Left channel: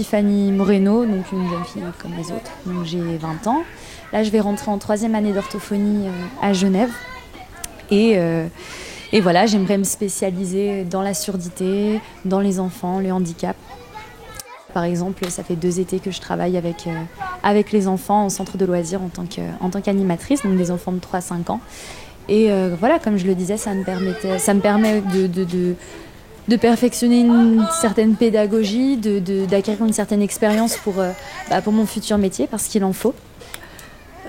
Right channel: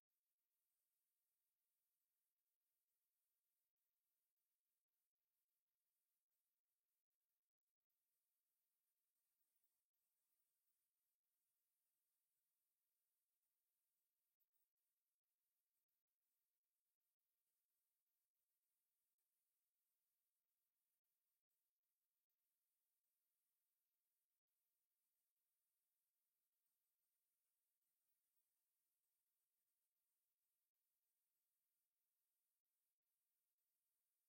Tiffany Moreno, donc une jeune fille comme les autres. Donc j'ai 20 ans. Là, je vais rentrer en 3e année d'orthophonie à Genève. Et voilà, j'aimerais me spécialiser dans la surdité, dans les enfants, le handicap. Par exemple, ça fait 2 étés que je travaille avec les enfants en centre de loisirs en tant qu'animatrice, donc des enfants de 3-5 ans. Et voilà, comme je le disais, ça me permet de perfectionner une certaine pédagogie, d'acquérir une certaine expérience pour mon futur métier, parce qu'il en faut.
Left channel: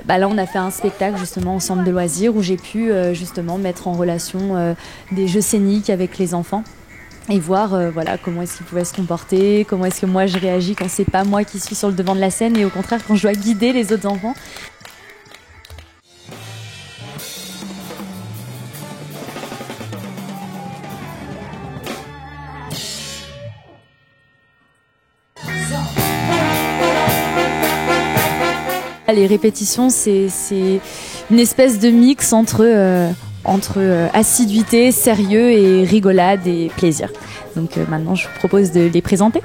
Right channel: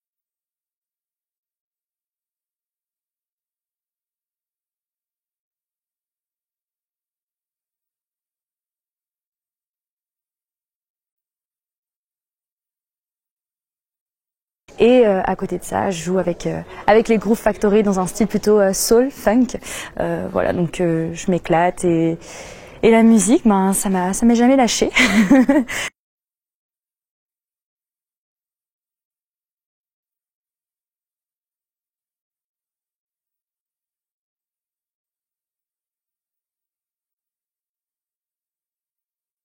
Là, on a fait un spectacle justement au centre de loisirs où j'ai pu justement mettre en relation des jeux scéniques avec les enfants et voir comment est-ce qu'ils pouvaient se comporter, comment est-ce que moi je réagis quand c'est pas moi qui suis sur le devant de la scène et au contraire quand je dois guider les autres enfants. Et à côté de ça, je joue avec les Groove Factory dans un style plutôt soul, funk. Donc je m'éclate et la musique, ça m'est jamais lâché. Les répétitions, c'est une espèce de mix entre assiduité, sérieux et rigolade et plaisir. Donc maintenant, je vous propose de les présenter.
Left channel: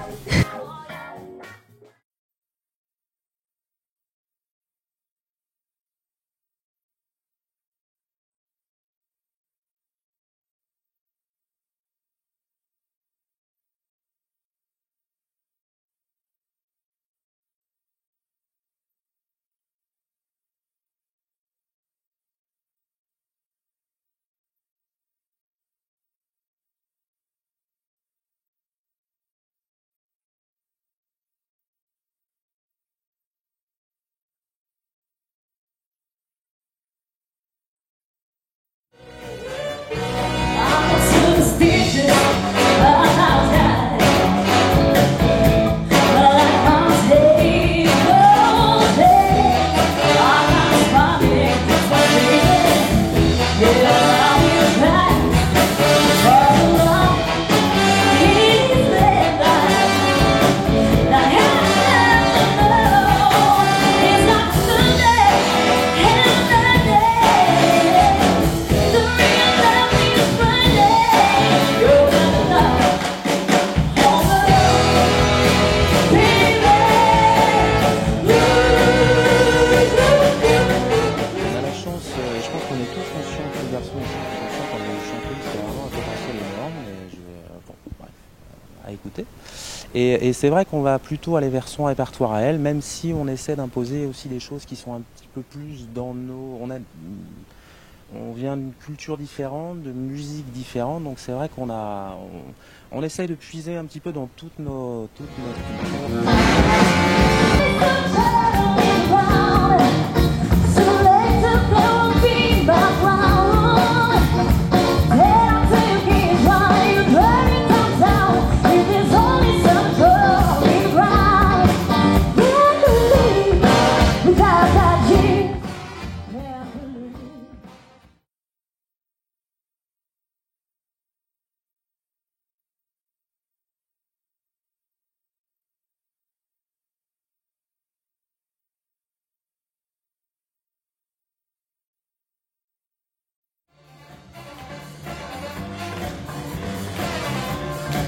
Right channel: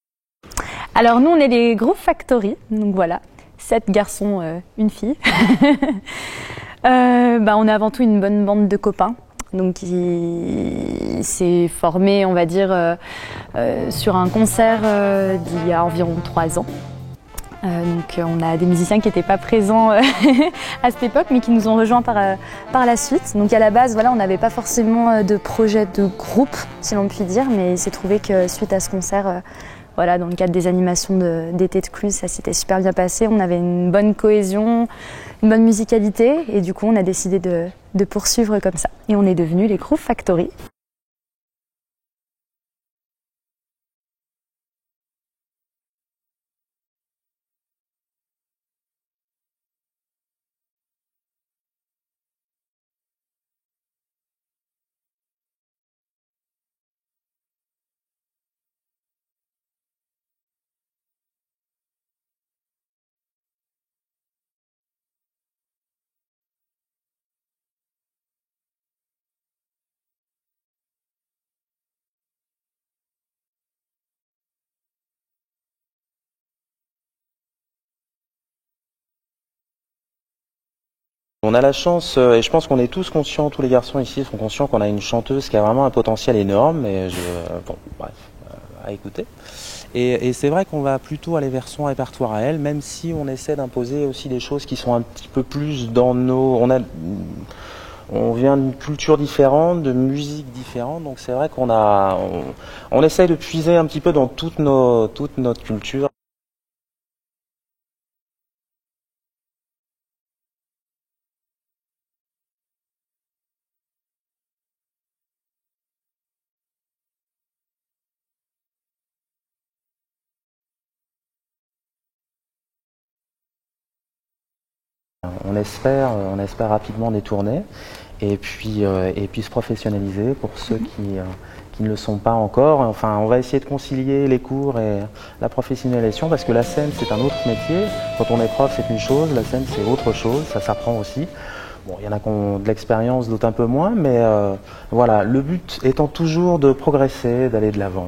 Alors nous, on est les Groove Factory, donc voilà, 7 garçons, une fille. On est avant tout une bonne bande de copains. Donc qui s'est formé, on va dire, sur un concert d'il y a environ 3 ans. Donc on a des musiciens qui n'étaient pas présents à cette époque mais qui nous ont rejoints par la suite. Donc à la base, on n'avait pas forcément de projet de groupe, si l'on peut dire, mais il s'est trouvé que suite à ce concert, dans le cadre des animations d'été de Cluse, ça s'était super bien passé. On avait une bonne cohésion, une bonne musicalité et du coup on a décidé de poursuivre comme ça. Et on est devenus les Groove Factory. On a la chance, et je pense qu'on est tous conscients, tous les garçons ici sont conscients qu'on a une chanteuse qui a vraiment un potentiel énorme, à écouter. Et c'est vrai qu'on va plutôt aller vers son répertoire à elle, même si on essaie d'imposer aussi des choses qui sont un petit peu plus dans nos... On vient d'une culture différente, de musique différente, donc c'est vrai on essaye de puiser un petit peu dans toute notre culture. On espère rapidement des tournées et puis se professionnaliser pour ceux qui ne le sont pas encore. Enfin, on va essayer de concilier les cours et la professionnalisation parce que la scène c'est un autre métier. Quand on est prof c'est une chose, la scène c'est autre chose, ça s'apprend aussi. Bon, il y en a qui ont de l'expérience, d'autres un peu moins, mais le but étant toujours de progresser, d'aller de l'avant.